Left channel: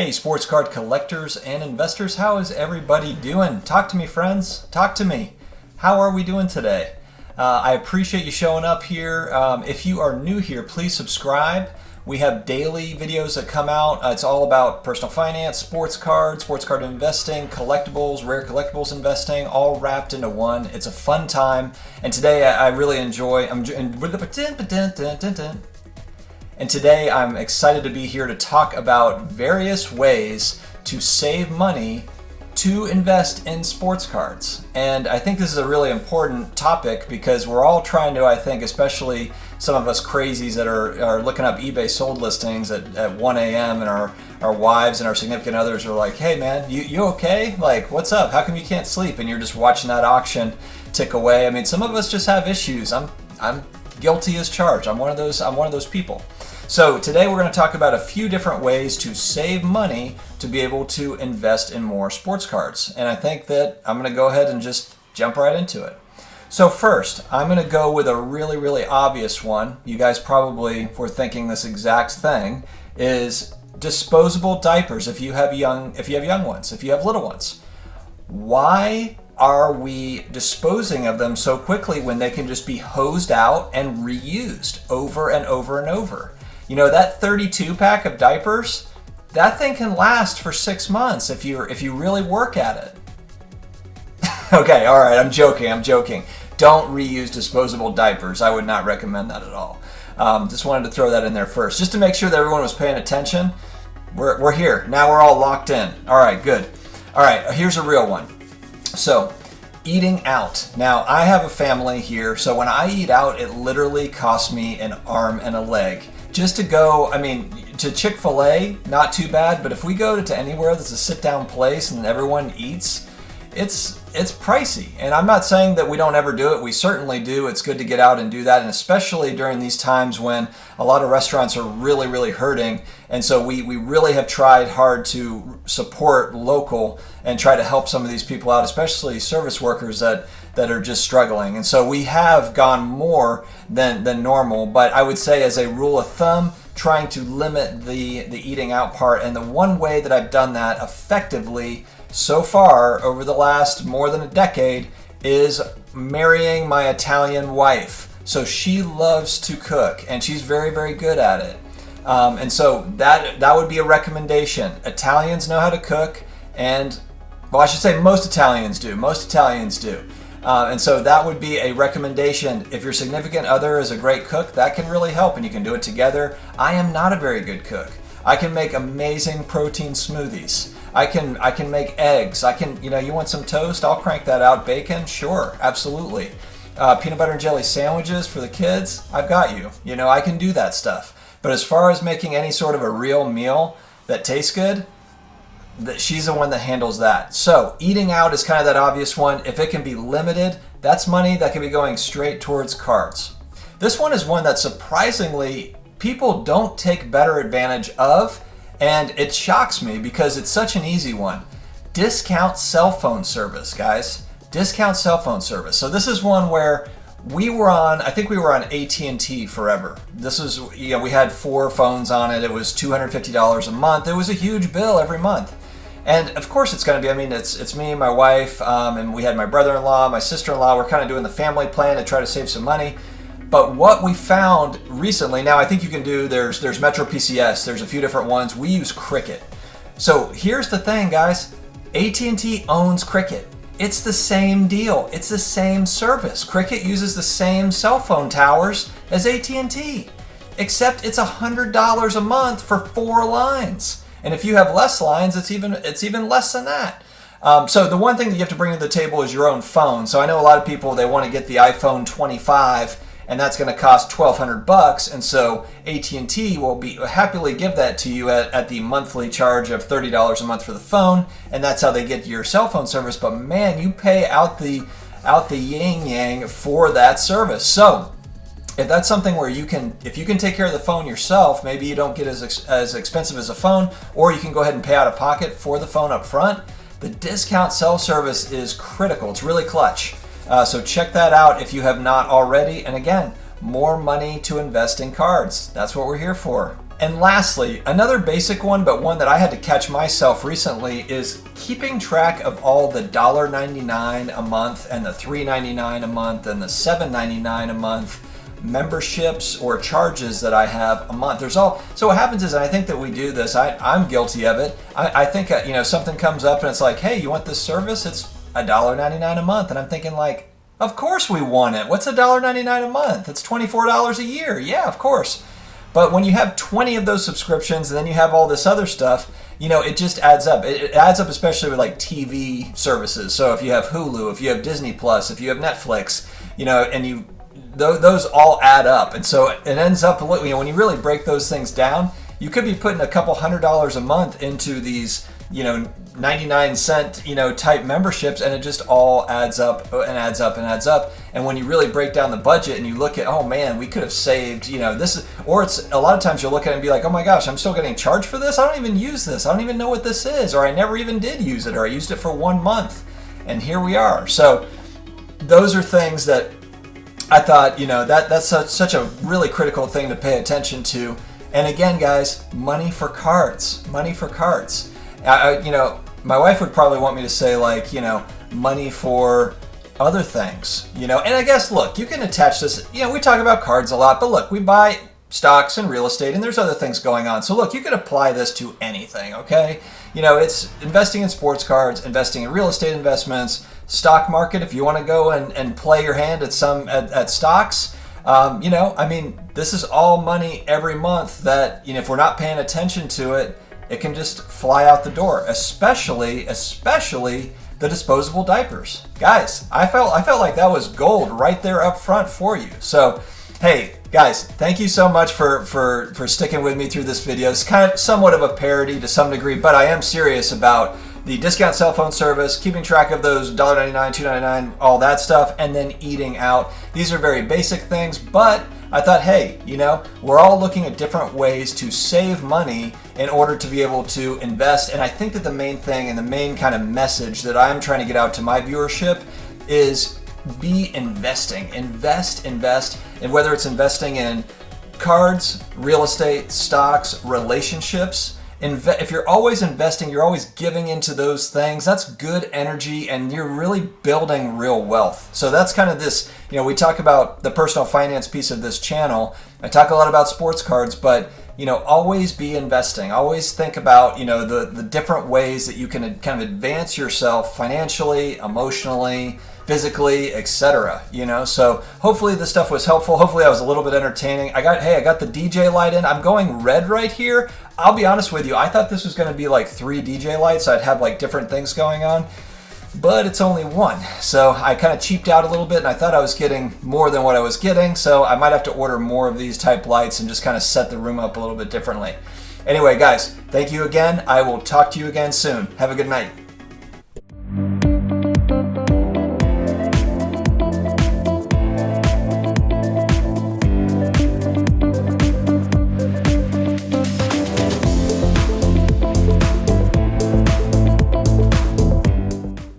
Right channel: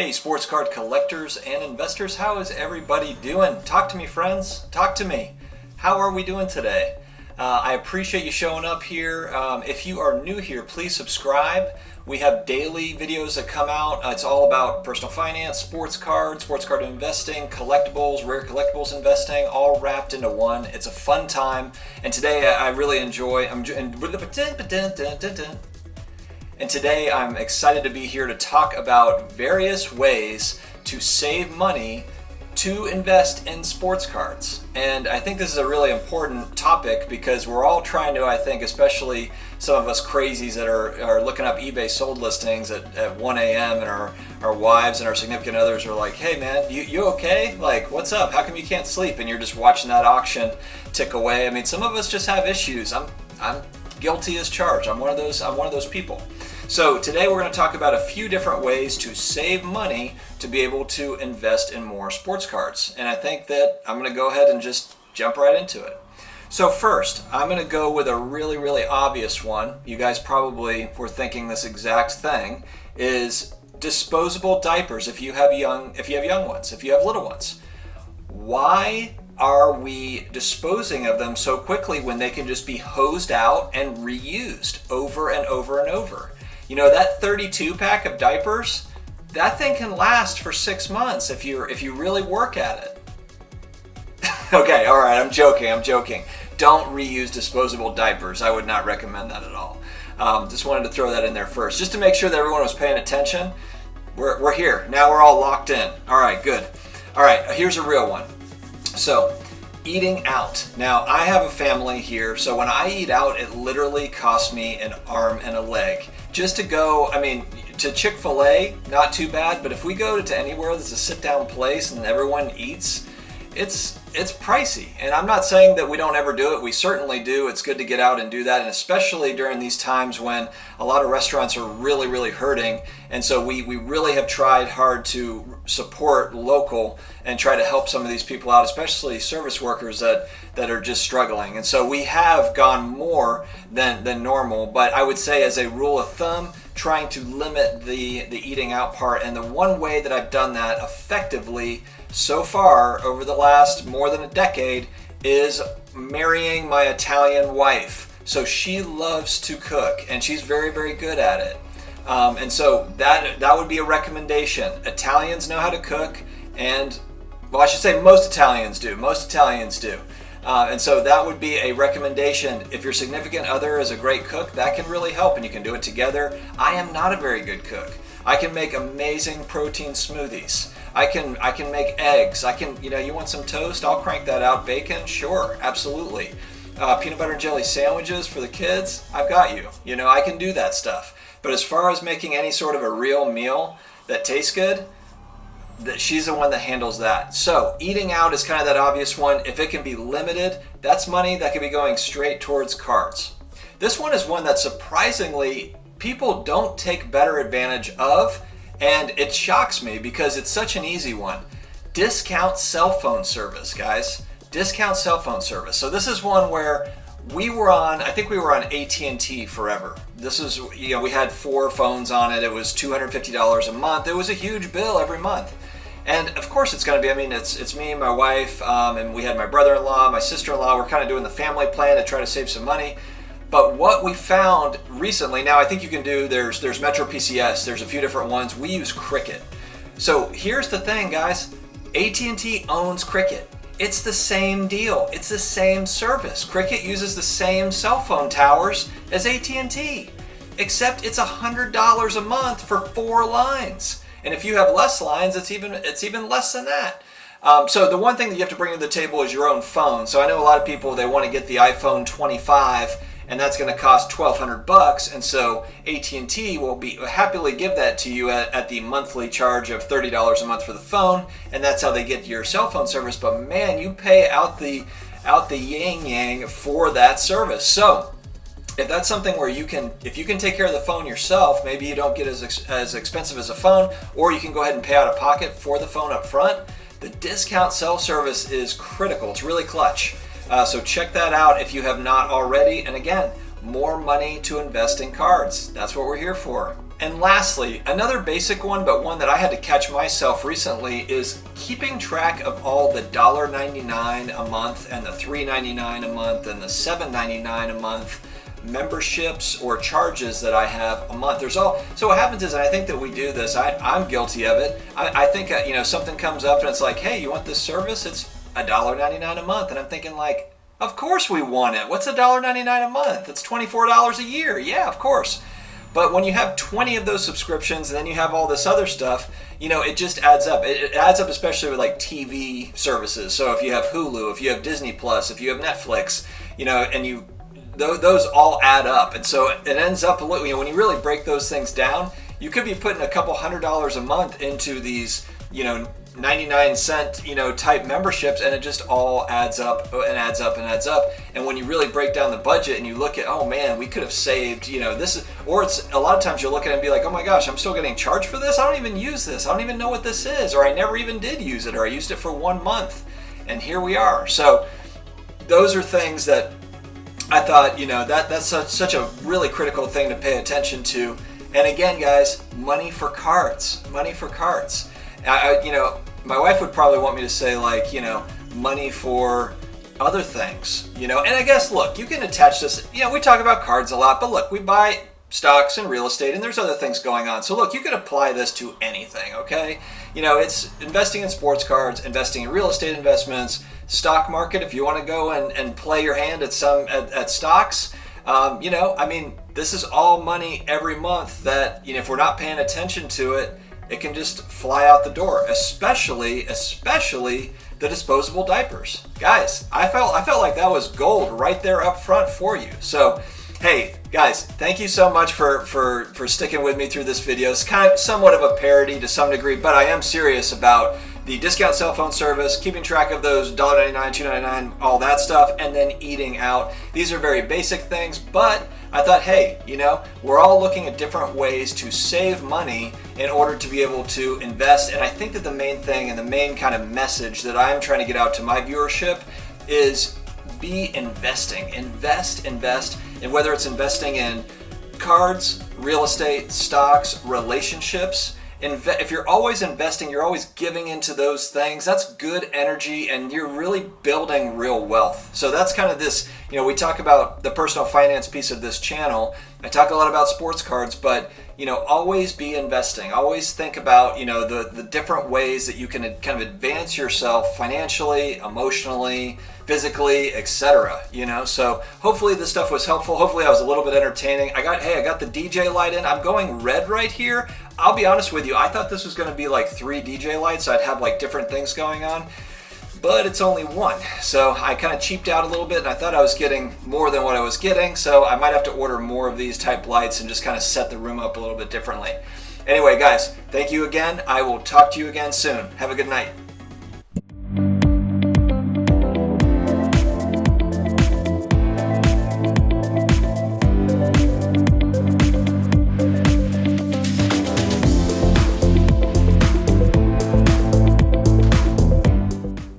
Hey, sports card collectors and investors, how is everybody doing? Talk to me, friends. Talk to me. How are we doing today? I appreciate you showing up here. If you are new here, please subscribe. We have daily videos that come out. It's all about personal finance, sports card investing, collectibles, rare collectibles investing, all wrapped into one. It's a fun time. And today I really enjoy. And today I'm excited to be here to talk about various ways to save money to invest in sports cards. And I think this is a really important topic because we're all trying to, I think, especially some of us crazies that are looking up eBay sold listings at 1 a.m. and our wives and our significant others are like, hey man, you okay? Like, what's up? How come you can't sleep? And you're just watching that auction tick away. I mean, some of us just have issues. I'm guilty as charged. I'm one of those people. So today we're going to talk about a few different ways to save money to be able to invest in more sports cards. And I think that I'm going to go ahead and just jump right into it. So first, I'm going to go with a really, really obvious one. You guys probably were thinking this exact thing, is disposable diapers if you have young ones, if you have little ones. Why are we disposing of them so quickly when they can just be hosed out and reused over and over and over? You know, that 32 pack of diapers, that thing can last for 6 months if you really work at it. Okay, all right, I'm joking. Don't reuse disposable diapers. I would not recommend that at all. Just wanted to throw that in there first, just to make sure that everyone was paying attention. We're here. Now we're all locked in. All right, good. All right, here's a real one. So, eating out. Now, I have a family here, so when I eat out, it literally costs me an arm and a leg. Just to go, I mean, to Chick-fil-A, not too bad, but if we go to anywhere that's a sit-down place and everyone eats, it's pricey. And I'm not saying that we don't ever do it. We certainly do. It's good to get out and do that, and especially during these times when a lot of restaurants are really, really hurting. And so we really have tried hard to support local and try to help some of these people out, especially service workers that are just struggling. And so we have gone more than normal, but I would say as a rule of thumb, trying to limit the eating out part. And the one way that I've done that effectively so far over the last more than a decade is marrying my Italian wife. So she loves to cook and she's very, very good at it. And so that would be a recommendation. Italians know how to cook, and well, I should say most Italians do. And so that would be a recommendation. If your significant other is a great cook, that can really help, and you can do it together. I am not a very good cook. I can make amazing protein smoothies. I can make eggs. You want some toast? I'll crank that out. Bacon? Sure, absolutely. Peanut butter and jelly sandwiches for the kids? I've got you. I can do that stuff. But as far as making any sort of a real meal that tastes good, she's the one that handles that. So eating out is kind of that obvious one. If it can be limited, that's money that can be going straight towards cards. This one is one that surprisingly people don't take better advantage of, and it shocks me because it's such an easy one. Discount cell phone service, guys. Discount cell phone service. So this is one where we were on AT&T forever. This is, we had 4 phones on it. It was $250 a month. It was a huge bill every month. And of course it's going to be, it's me, my wife, and we had my brother-in-law, my sister-in-law. We're kind of doing the family plan to try to save some money. But what we found recently, now I think you can do, there's Metro PCS, there's a few different ones. We use Cricket. So here's the thing, guys. AT&T owns Cricket. It's the same deal. It's the same service. Cricket uses the same cell phone towers as AT&T, except it's $100 a month for 4 lines. And if you have less lines, it's even less than that. So the one thing that you have to bring to the table is your own phone. So I know a lot of people, they want to get the iPhone 25, and that's going to cost $1,200, and so AT&T will happily give that to you at the monthly charge of $30 a month for the phone, and that's how they get your cell phone service. But man, you pay out the yin-yang for that service. So if that's something where if you can take care of the phone yourself, maybe you don't get as expensive as a phone, or you can go ahead and pay out of pocket for the phone up front, the discount cell service is critical. It's really clutch. So check that out if you have not already. And again, more money to invest in cards. That's what we're here for. And lastly, another basic one, but one that I had to catch myself recently, is keeping track of all the $1.99 a month and the $3.99 a month and the $7.99 a month memberships or charges that I have a month. So what happens is, and I think that we do this, I'm guilty of it. I think, something comes up and it's like, hey, you want this service? It's $1.99 a month. And I'm thinking like, of course we want it. What's $1.99 a month? It's $24 a year. Yeah, of course. But when you have 20 of those subscriptions and then you have all this other stuff, it just adds up. It adds up, especially with like TV services. So if you have Hulu, if you have Disney Plus, if you have Netflix, and those all add up. And so it ends up, when you really break those things down, you could be putting a couple $100 a month into these, 99-cent, type memberships, and it just all adds up and adds up and adds up. And when you really break down the budget and you look at, oh man, we could have saved, or it's a lot of times you'll look at it and be like, oh my gosh, I'm still getting charged for this. I don't even use this. I don't even know what this is, or I never even did use it, or I used it for 1 month, and here we are. So those are things that I thought, that's such a really critical thing to pay attention to. And again, guys, money for cards. My wife would probably want me to say like, money for other things, and I guess, look, you can attach this, we talk about cards a lot, but look, we buy stocks and real estate and there's other things going on. So look, you can apply this to anything, okay? It's investing in sports cards, investing in real estate investments, stock market, if you want to go and play your hand at stocks. This is all money every month that, if we're not paying attention to it, it can just fly out the door, especially the disposable diapers. Guys, I felt like that was gold right there up front for you. So, hey, guys, thank you so much for sticking with me through this video. It's kind of somewhat of a parody to some degree, but I am serious about the discount cell phone service, keeping track of those $1.99, $2.99, all that stuff, and then eating out. These are very basic things, but I thought, hey, we're all looking at different ways to save money in order to be able to invest. And I think that the main thing and the main kind of message that I'm trying to get out to my viewership is be investing. Invest. And whether it's investing in cards, real estate, stocks, relationships, if you're always investing, you're always giving into those things, that's good energy and you're really building real wealth. So that's kind of this, we talk about the personal finance piece of this channel. I talk a lot about sports cards, but always be investing. Always think about, the different ways that you can kind of advance yourself financially, emotionally, physically, etc. So hopefully this stuff was helpful. Hopefully I was a little bit entertaining. I got the DJ light in. I'm going red right here. I'll be honest with you, I thought this was going to be like 3 DJ lights. I'd have like different things going on, but it's only 1. So I kind of cheaped out a little bit and I thought I was getting more than what I was getting. So I might have to order more of these type lights and just kind of set the room up a little bit differently. Anyway, guys, thank you again. I will talk to you again soon. Have a good night.